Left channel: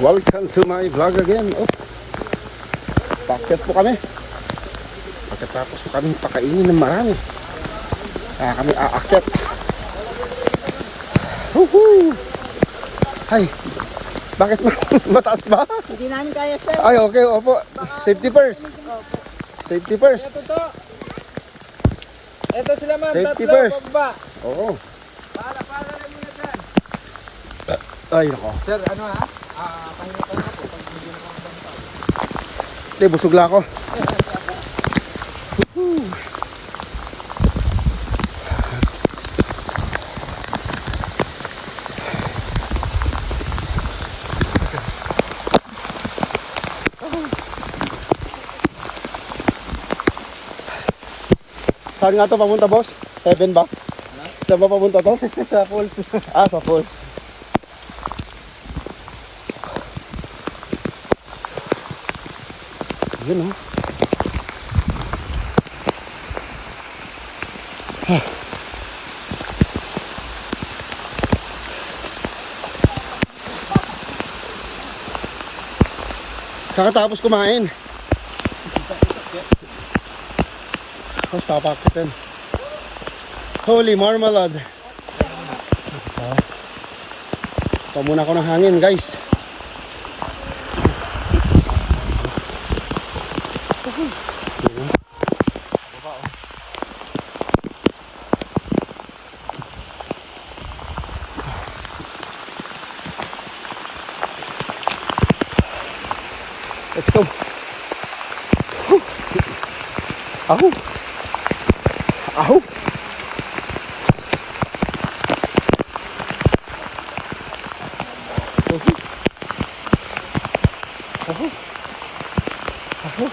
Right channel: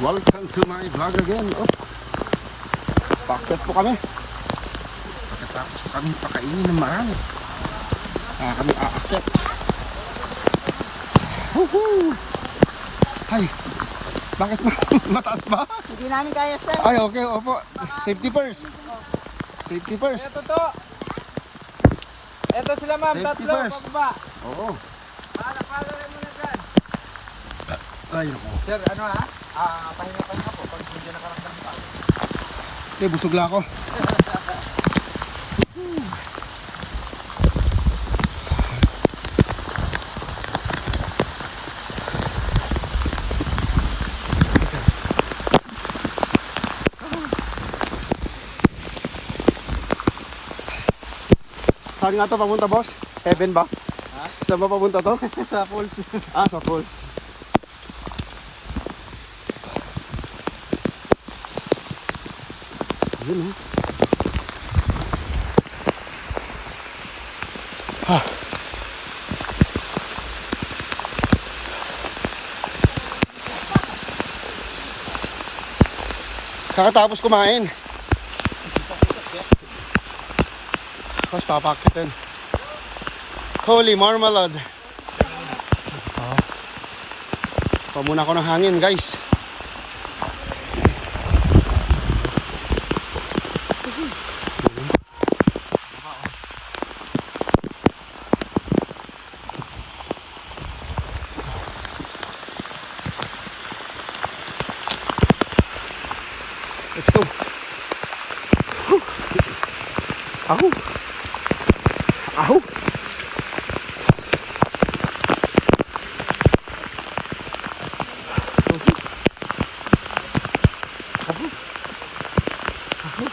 Welcome to my vlog again. Oh, paakyat po kami. Pagkatapos kami pakainin ng marami, kami aakyat. Woohoo! Hay, bakit mataas ba? Hindi namin kaya, sir. Ay, okay, opo. Safety first. Safety first. Ito to. Ito sila ma'am, Safety tatlo, first. pababa. Oo. Paala lang muna dyan. Ay, nako. Sir, ano ha? Pahinga po pag hindi nakaramdam pa. Hindi, busog lang ako. Saan nga to papunta, boss? Heaven ba? Ha? Saan ba papunta to? Sa falls. Ah, sa falls. Yun, oh. Ah. Kakatapos kumain. Tapos papakitin. Holy marmalade. Pamuna ko ng hangin, guys. Let's go. Ahu. Ahu. Ahu. Ahu.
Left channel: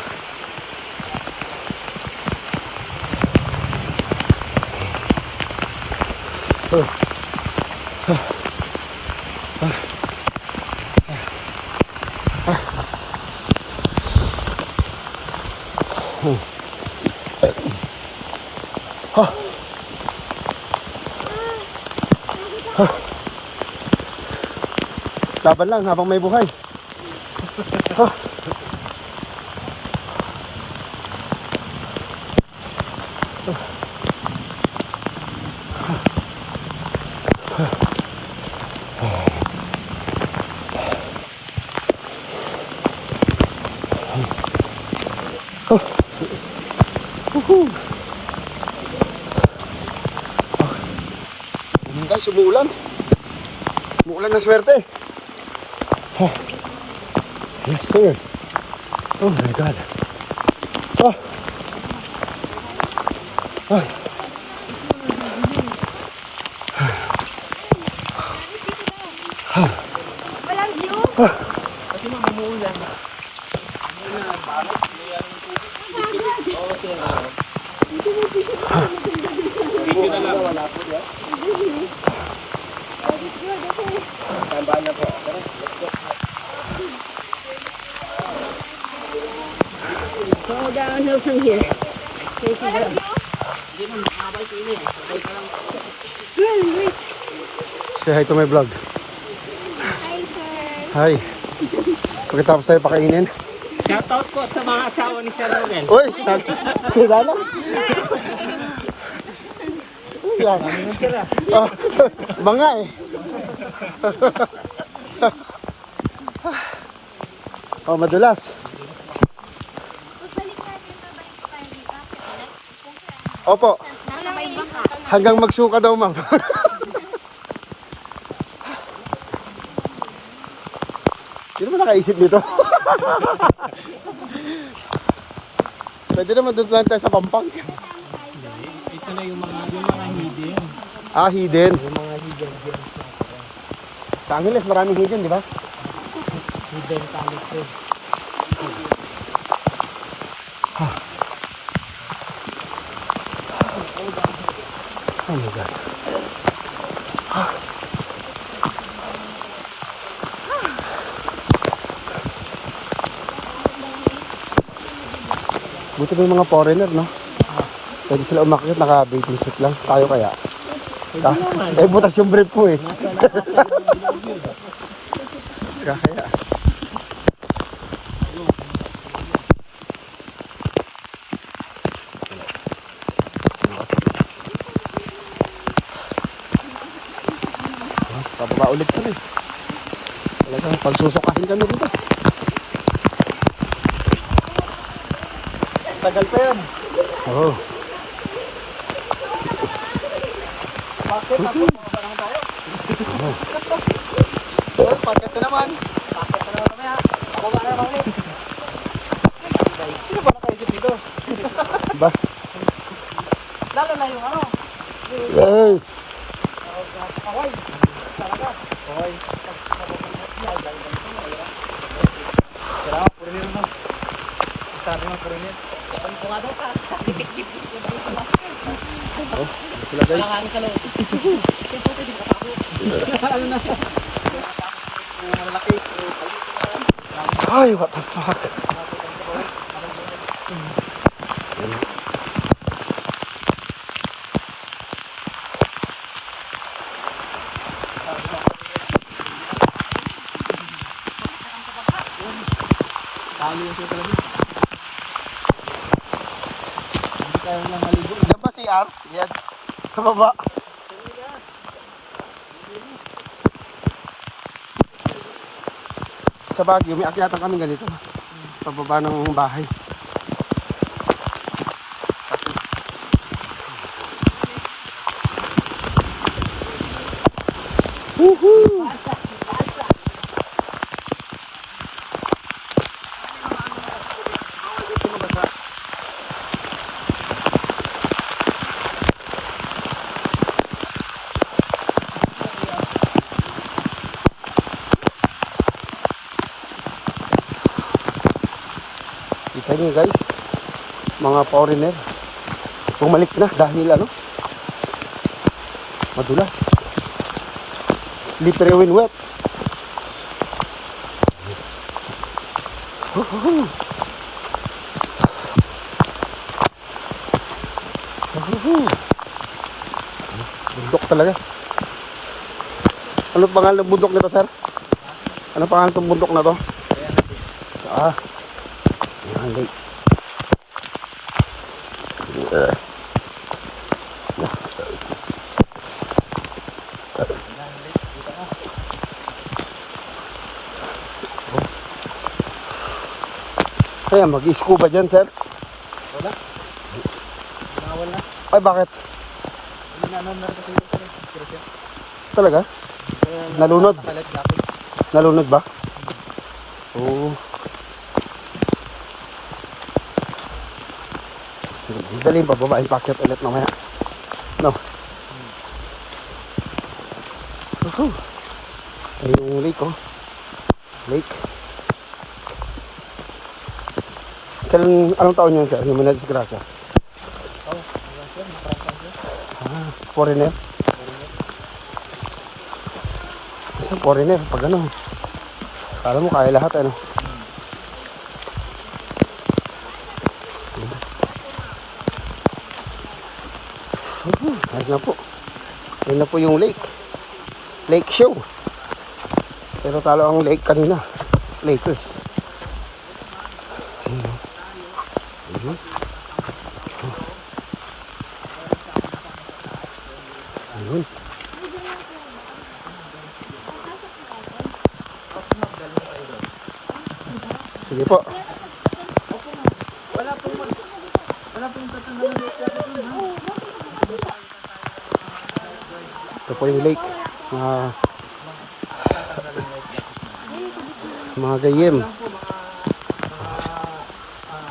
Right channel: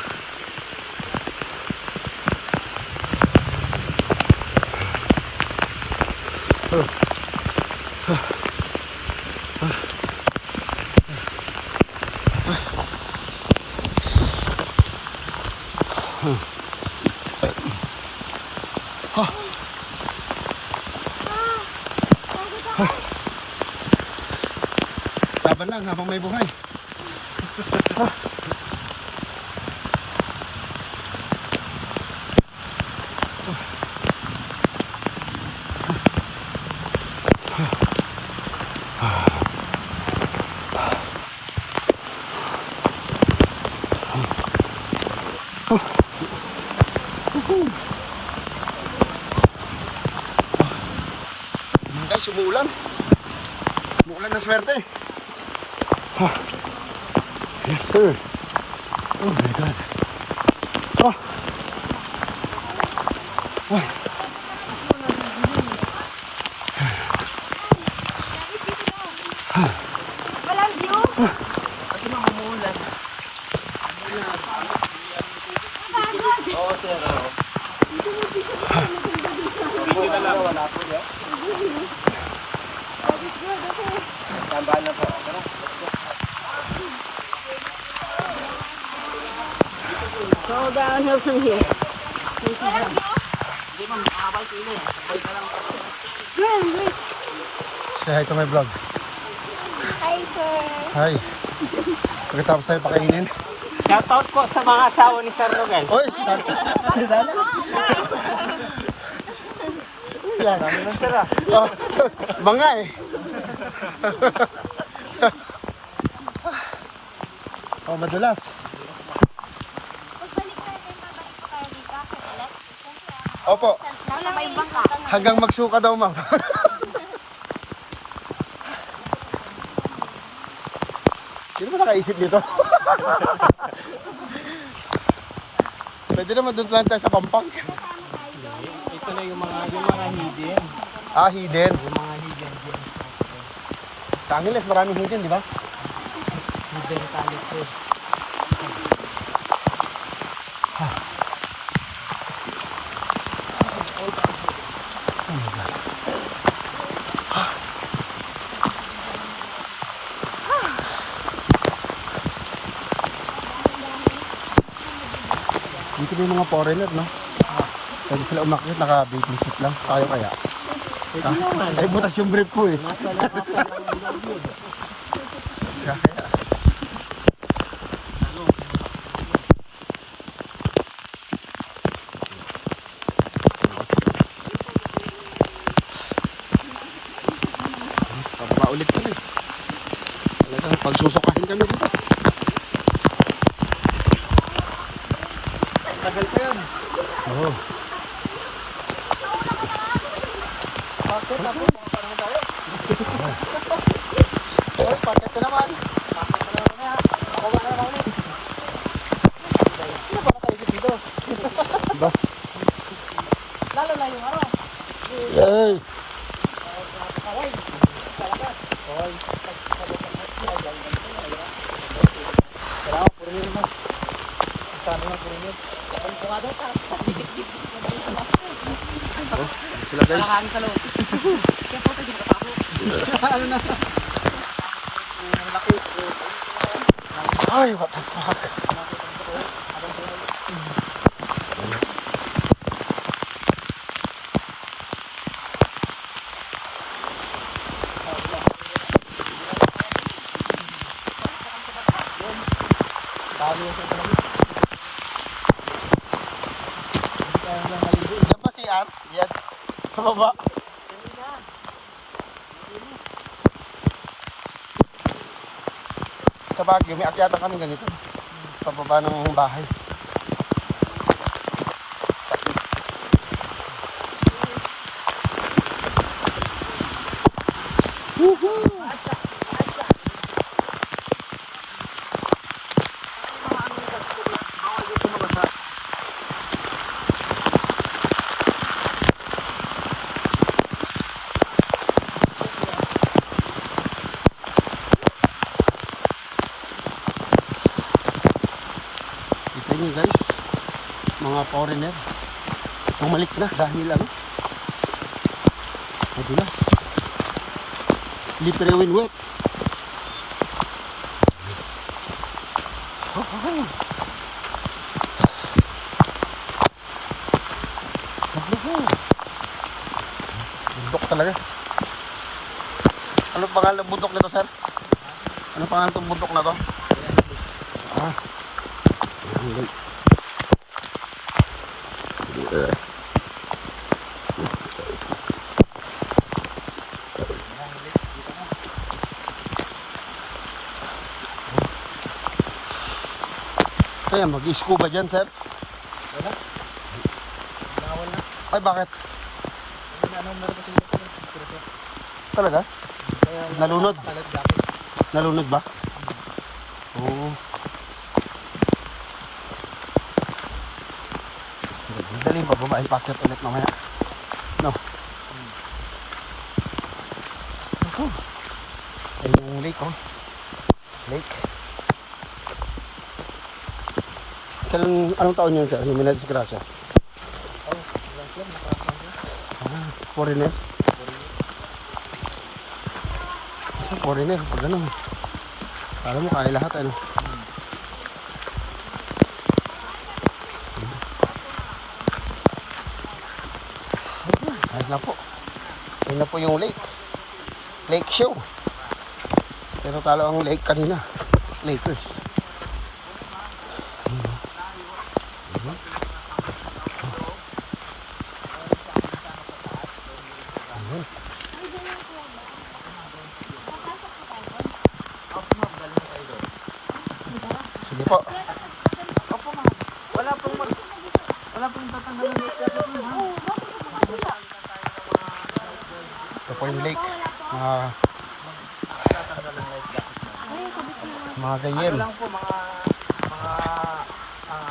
Laban lang habang may buhay. Guys, umuulan. Umuulan ng swerte. Yes, sir. Oh my God. Oh. Ah. Ah. Go downhill from here. Facing down. Yeah, wait. Say hi to my vlog. Hi, sir. Hi. Pagkatapos tayo pakainin. Shoutout ko sa mga asawa ni Sir Rogan. Uy! Si Dana? Dami ng sir ah. Oh, mga eh. Oh, madulas. Opo. Hanggang magsuka daw, ma'am. Sino mo nakaisip nito? Pwede naman doon lang tayo sa Pampang. Ito na yung mga hidden. Ah, hidden. Yung mga hidden dyan. Kanilas, maraming hidden, di ba? Hidden talit ko. Oh my God. Buti ba yung mga foreigner, no? Pwede sila umakyat, naka-bathing suit lang. Tayo kaya? Eh, butas yung brief ko eh. Kaya. Pababa ulit kami. Talagang pagsusukahin kami dito. Tagal pa yan. Oo. Paket ko naman. Ba? Lalo na yung ano. Ay. Oh, sila guys. Nakakaan ka lang. Kaya po tayo nakatako. Ano na? Ay, what the fuck? Diyan ba si R? Yan. Sa baba. Sa Baguio, may akyatan kami ganito. Sa baba ng bahay. Woohoo! Kita nyo guys, mga foreigner, bumalik na dahil ano, madulas, slippery when wet. Bundok talaga. Ano pangalan ng bundok nito, sir? Ano pangalan ng bundok na to? Ah, lake. Kaya mag-scuba dyan, sir? Wala. Ay, bakit? Talaga? Nalunod? Nalunod ba? Dali ba babae packet ulit naman? No. Ito. Yung lake, oh. Lake. Anong taon yun siya? Yung minadisgrasya? Foreigner? Kasi foreigner, pag ano, kala mo kaya lahat, ano? Ayun po. Ayun na po yung lake. Lake show. Pero talo ang lake kanina. Lakers. Ayun. Sige po. Wala pong tatanggalin yung Ito po yung lake. Mga ganyan. Lang po mga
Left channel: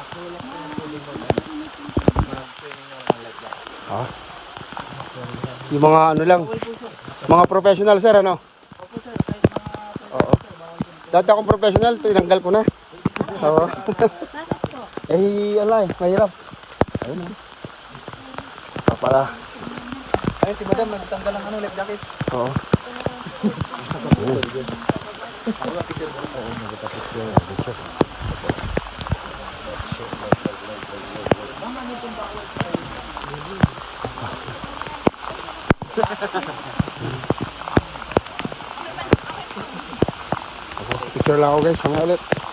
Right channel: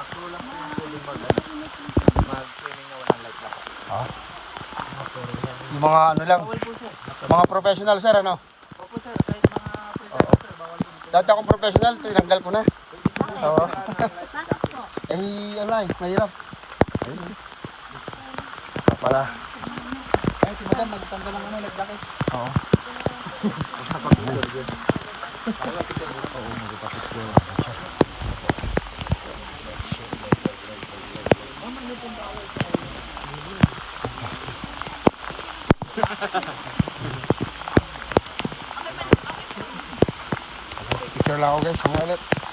crew lang po yung pwedeng mag-training na lang like that. Yung mga ano lang. Mga professional, sir, ano? Opo sir, kahit mga sir, bawal po. Dati akong professional, tinanggal ko na. Oo. Eh, ano eh, mahirap. Ayun na. Para. Ay, si madam, nagtanggal ng ano like that eh. Oo. Picture lang ako guys, mga ulit.